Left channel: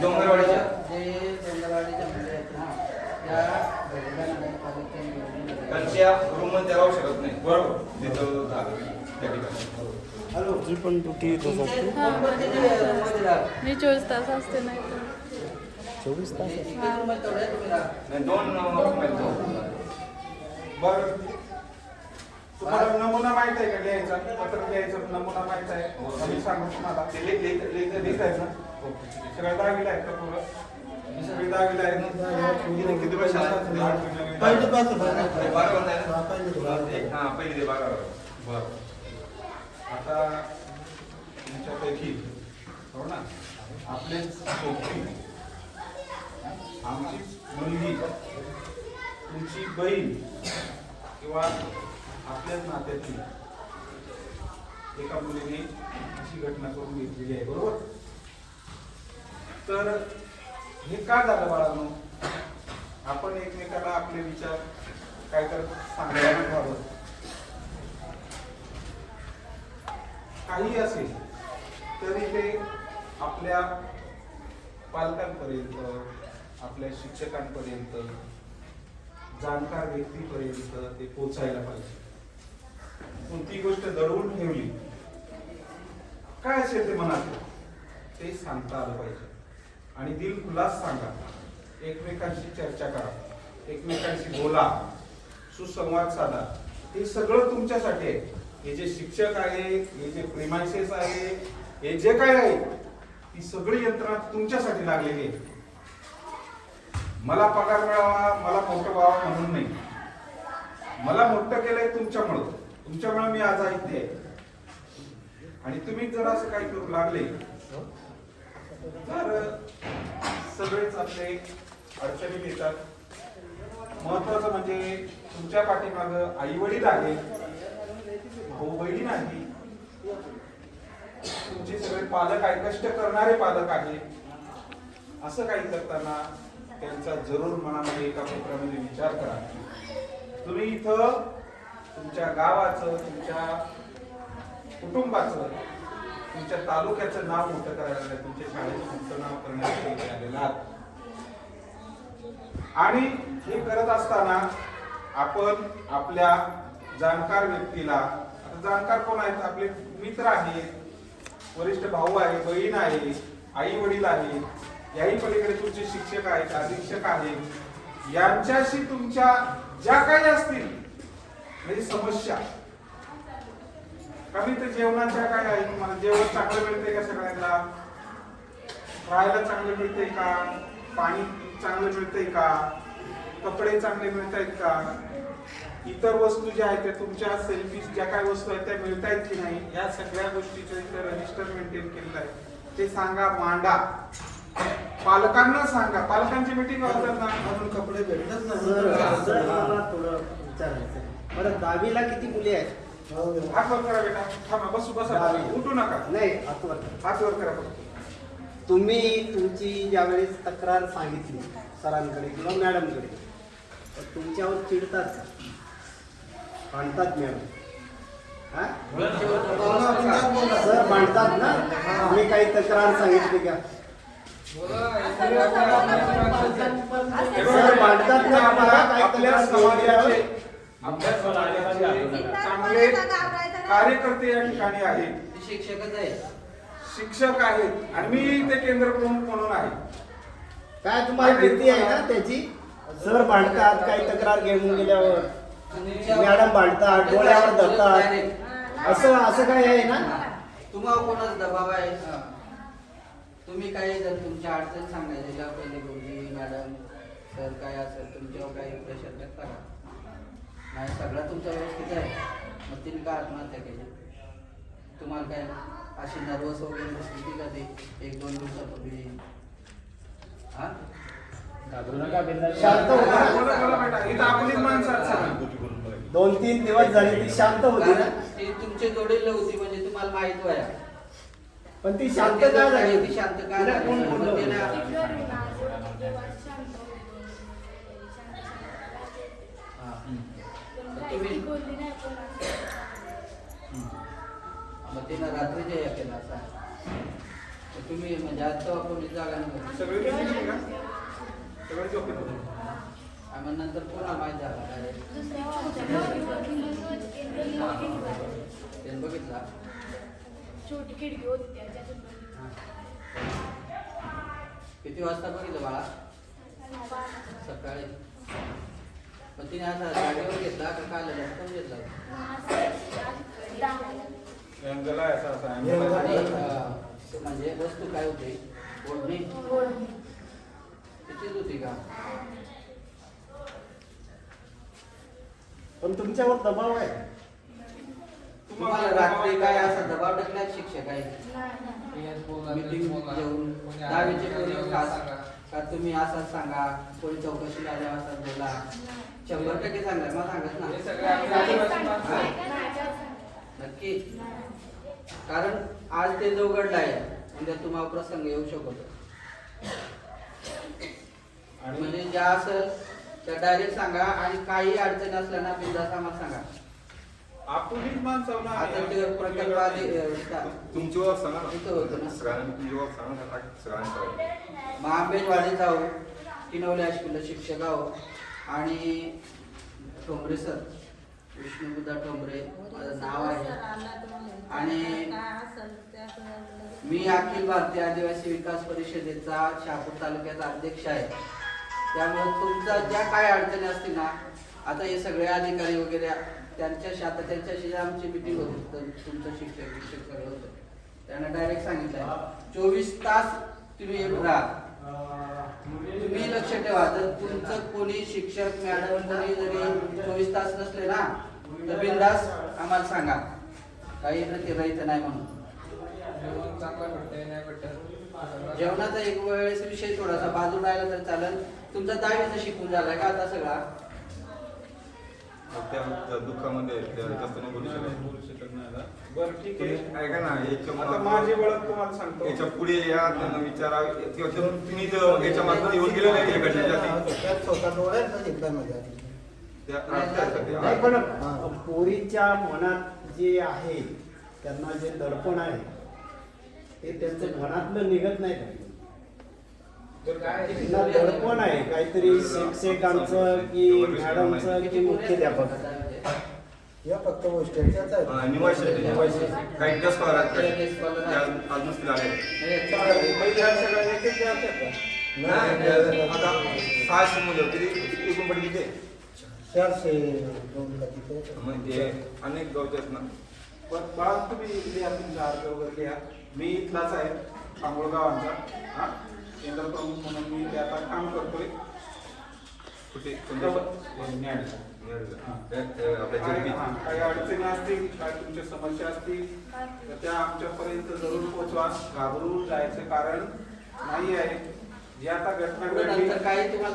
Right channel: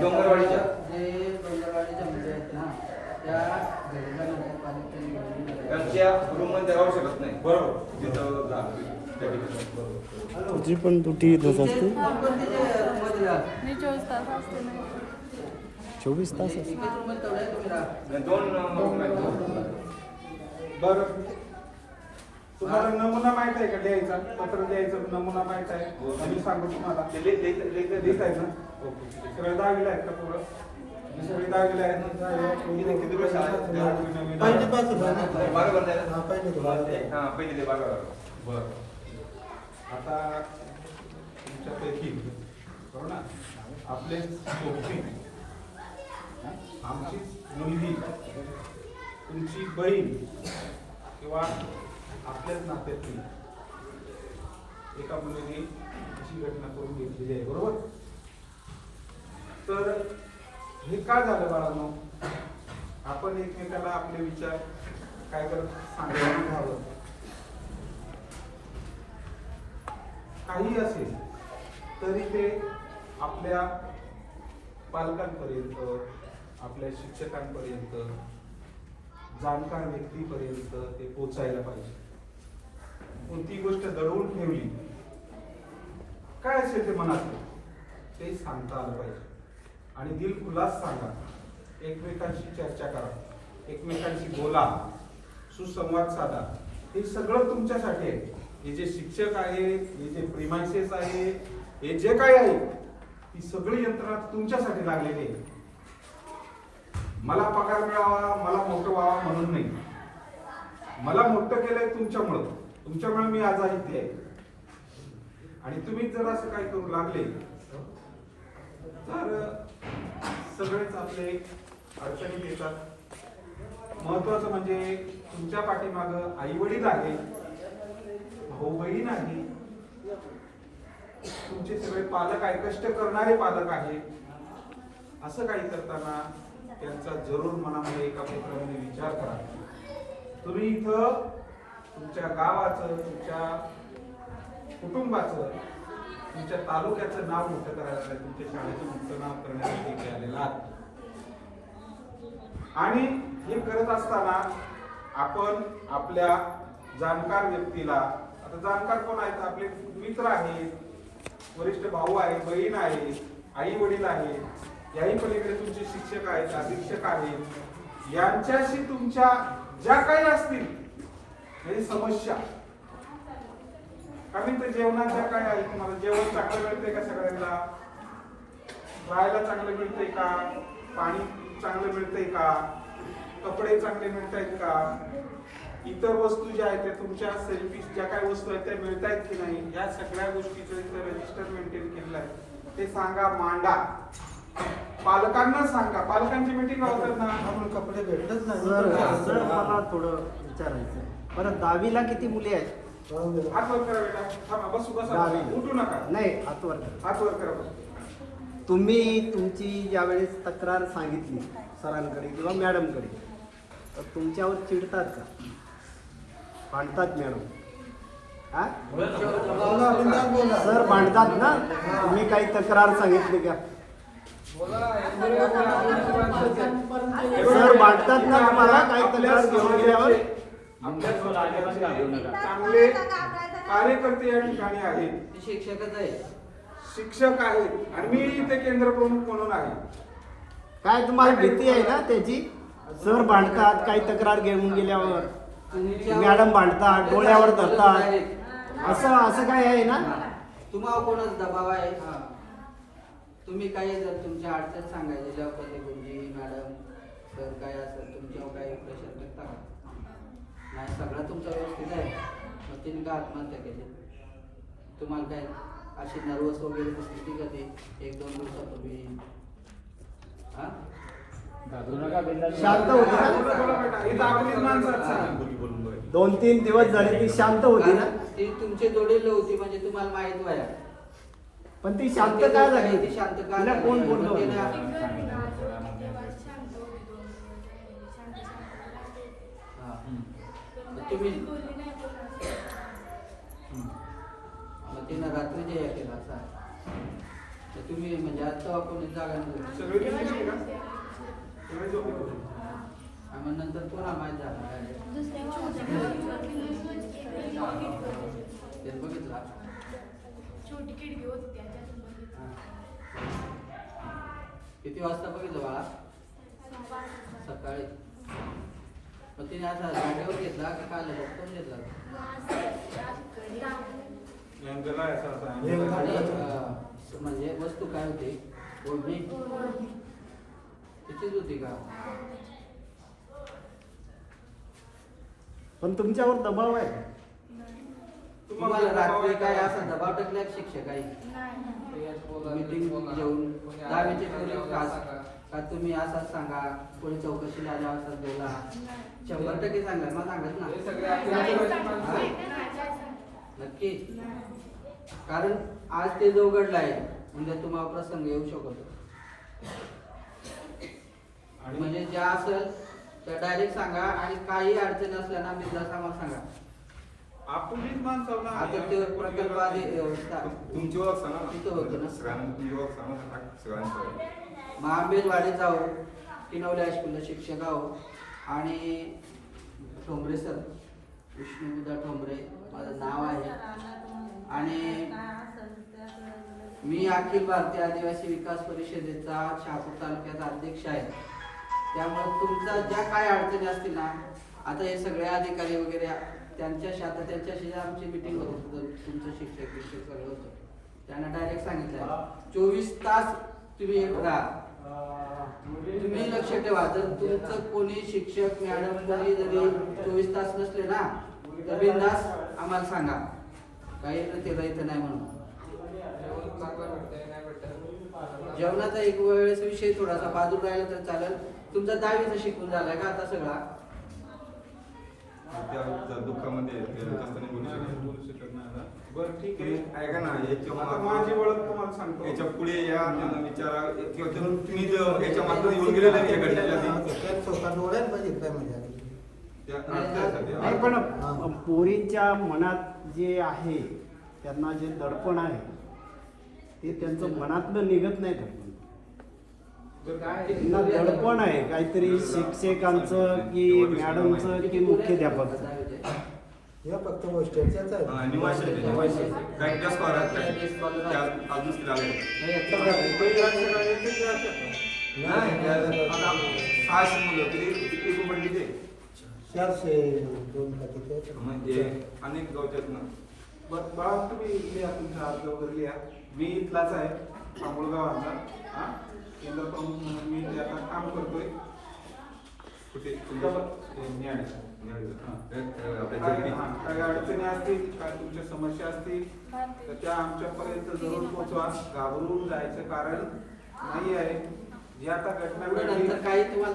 डोंगरवाडीच्या जे डोंगरवाडीच्या मुली आहेत ना त्या घडीला नगरपालिकेने त्यांच्या रूम मध्ये राहू शकत नाही. बरोबर तिथं झालं त्या ठिकाणी. तुझी पण ड्युटी इथंच असते. मी 24 तास असते नाही 24 तास. बरं तुम्हाला नमुना माहित आहे का द्यायचा? पत्र द्यायचं नमुना माहित आहे? आम्ही सांगू तुम्हाला लिहित आहे ना? ओके. सगळे 10वीला आहेत का पुढं? सगळे 10वीला आहेत ना? किती वर्ष पहिली पासून. पहिली ते 12. बरं आता तुमच्यापैकी हो ना आपले सोबती आमची मुलगी तुमची बहीण किंवा आपल्याच नात्यातली एका मुलीने अशी घटना करून घेतलेली आहे. बरोबर. तर हे का झालं बाळांनो? आपण एकमेकाला आपले विचार काय करत सांगायला घ्यावं. काही असेल तरी ते आपल्या पालकांपर्यंत, आपल्या शिक्षकांपर्यंत, जाणकार व्यक्तीपर्यंत ते पोचायला पाहिजे. कोणती गोष्ट दडवून ठेवली काय असेल ते मनात ते सांगता आलं पाहिजे आणि दिलखुलास सांगा. एकमेकांशी चर्चा करा, एकमेकांशी बोला, सुसंवाद साधा. हे सगळं तुमच्यासाठी आहे. हे जे शिक्षक आहे, हे जे प्रिमायसेस आहे, हे जे काय आहे ती सगळी यंत्रणा तुमच्यासाठी लागलेली आहे. मला पगार मिळावा, मला मोठं व्हावं म्हणून नाही. मला मोठं केलंय तुमच्यामुळे मी आज आहे. आणि तुम्ही जर असं काही करू लागले तर सगळेच आपले अडचणीत येतात. महत्वाचं म्हणजे तुमच्या पाठीमागं आई वडील आहे, भाऊ बहीण आहे, तुमचे सगळे पालक आहे, कष्ट करणारे पालक आहे. असं काही करताना त्यांचा जरूर मनामध्ये एका कोपऱ्यामध्ये विचार करा. तुम्ही इथं तुमच्या गावाचं, तुमच्या कुटुंबाचं, तुमच्या तालुक्याचं नाव मोठं करायला नाही, तुमच्या शाळेचं मोठं नाव करण्यासाठी आलेला आहात. आणि हे करत असताना आपण आपल्या जाणकार व्यक्तीला, आता जाणकार कोण आहेत? आपले मित्र आहेत, वरिष्ठ भाऊ आहे, बहीण आहे, आई वडील आहे, याही पलीकडे तुमचे शिक्षक आहेत, अधीक्षक आहेत. यांच्याशी तुमच्या ज्या काही असतील म्हणजे समस्या, कमी तर जेवणाच्या काय आहे, तुम्हाला जेवण चांगलं मिळतंय का? सगळ्यांना राहायला चांगलं मिळतंय का? पाणी चांगलं मिळतंय का? कपडे चांगले मिळत आहेत का? इतर वस्तू ज्या आहेत त्या तुमच्या सेल्फीज ज्या काही वस्तू आहेत त्या मिळत आहेत की नाही, या सगळ्या गोष्टीचं इथं रजिस्टर मेंटेन केलेलं आहे. ते सांगा, मांडा, पालकांना सांगा. पालकांची मीटिंग होताना अजून कपडे भेटतच नाही. मला थोडं विचारायचं. बरं 10वीला किती मुली आहेत? हात वर करा बेटा. थांबा, बसू बसा, उठू नका. नाही, हात वर करा. हात वर करा. तुम्ही तुमची ज्यावेळेस तक्रार सांगितली सरांकडे किंवा मॅडमकडे तर तुमच्यावर चिडतात का? भांडतात मॅडम? सर भांडतात ना? तुम्ही काही तक्रार सांगितली का? सर भांडतात ना? आपल्या समाजाचे चांगले कार्यकर्ते या ठिकाणी आहेत, शिक्षकच आहेत, शिक्षक आहेत आणि मी ते केंद्र प्रमुख म्हणून आहे. काय तुम्हाला भीती आहे ना त्याची? सर भांडतात, काही तक्रार घेऊन गेल्यावर मॅडम भांडतात, डोळ्यावर धरतात, असं काय आहे ना? तुम्हाला कोणाच दबाव आहे? तुम्ही काही जर तुमच्या अडचण सांगायच्या पहिले गुरुजी मॅडम सर काय असेल तुमच्यावर काही प्रेशर टाकता का? नाही, सगळं तुमचं व्यवस्थित आहे. मग तिने का आत्महत्या केली? तुम्हाला काय अशी नर्वस वगैरे दिसली का? ते 1-2 दिवसापूर्वी शांत होता. 2-3 दिवस झाले ती शांत होती ना? ती तुमचे जोडेल होती म्हणजे तुम्हाला माहित व्हाया. पण ती शांत का झाली? ती शांत का झाली? कोण बोलतो? तुम्ही मग तिनं रात्रीच्या या केला असा तुम्ही म्हणजे आज वापरली जागा नव्हती सगळे झोपले का? सगळे झोपले होते. आणि मग नंतर कोणाला माहिती झालं direct? त्याने बघितला छोटी खिडकी होती त्याच्यातून हा. किती वाजता बघितलं बाळा सकाळी मग तिने असा जागेवर घेतला का काय लटकून घेतला अँगल आहे असा आणि म्हणजे वस्तू काय होती ओढणी तिचीच होती का पण तुमच्यावर दबाव आहे. तुम्हाला रात्री काय असा दबाव टाकला शिक्षक आहे मीटिंग घेऊन दहावीचे पूर्वी खास का तुम्ही असाच सांगा कोणी चौकशीला आल्या असाच बोला 100% सांगा मला सांगत ना नक्की कारण आज ते जो घडला आहे उद्या तुम्हाला प्रसंग येऊ शकतो म्हणजे ज्या असेल त्या डायरेक्ट सांगा आणि काही अडचण असल्या ना बिंदास आम्हाला सांगा आपुलीच माणसं ना. आता ते प्रकल्पाधी तुमची ओळख सांगा ना. तिथं होतं ना. सगळ्यांना तुमची ओळख सांगा ना. सगळ्यांनी सांगा. मग आंबेजवाडी जाऊ किनवले हायस्कूलला शिक्षक आहो आणि ठोंबरे सर विष्णुबुद्धा ठोंबरे माझं नाव आहे आणि मी अखिल भारतीय आदिवासी विकास परिषदेचा शहापूर तालुक्याचा अध्यक्ष आहे त्यामुळे तुमच्या ज्या काय अडचणी असतील ना आता हे सगळे अधिकारी वगैरे त्यांच्याशी आमची मिटिंग होत होती तुमचं शिक्षक सगळं होतं त्यांना डायरेक्ट सांगितलंय 24 तास तुम्ही राहा तुम्ही लक्ष ठेवा जर तुमचं कोणी शिक्षक मॅडम कोणी जरी 24 तास नसले ना तर बिनधास्त आम्हाला सांगा काही ते राहायचं नाही म्हणून जेवणाचा एक वेळेस विषय थोडासा बाजूला राहिला तर चालेल तुमचा 10वीचा शिकून झालाय का आता सगळा त्या दुःखामध्ये जास्त नाही बोलू शकत. बोलू शकत नाही ना. बरं ठीक आहे. तुम्ही ऐका ना आता माझी ओळख तुम्हाला सांगतो. याच्या पुढे या त्यांना विचारा किंवा तुम्ही जर याच्या मार्फत येऊन गेले नाही या घटनेच्या आधी. त्या राजकारणात सध्या. नाही पण पोरींच्या मनात जे आहे त्यांना जे दडपण आहे ते त्यांचं मनातलं निघत नाही का? त्यांना दडपण आहे काहीतरी शिक्षकांचं की मॅडमचं की मुख्याध्यापक या फक्त गोष्टींचाच आहे. निवासी काही जास्त वरात काय त्या अजून झाले सगळे एक एक जातात का? आता 600 मुलं किती एकूण पडली ते 402 का तिथे. म्हणजे अनेक गावचे आहेत ना. बरं बाळा तुम्ही लिहा तुमचा अर्ज वगैरे लिहा मी इथलाच आहे आंबोळ गावांचा हा केंद्र प्रमुख म्हणून मी ते आता काम करतोय कुठे न्यायालय. आपल्या काय जगती काही अडचणी असतील काय तुमच्या समस्या असतील तर त्या आमच्यापर्यंत जरूर पोहोचवा घाबरून जायचं कारण नाही आहे जी आता घटना पुढे घडली नंतर काही तुम्हाला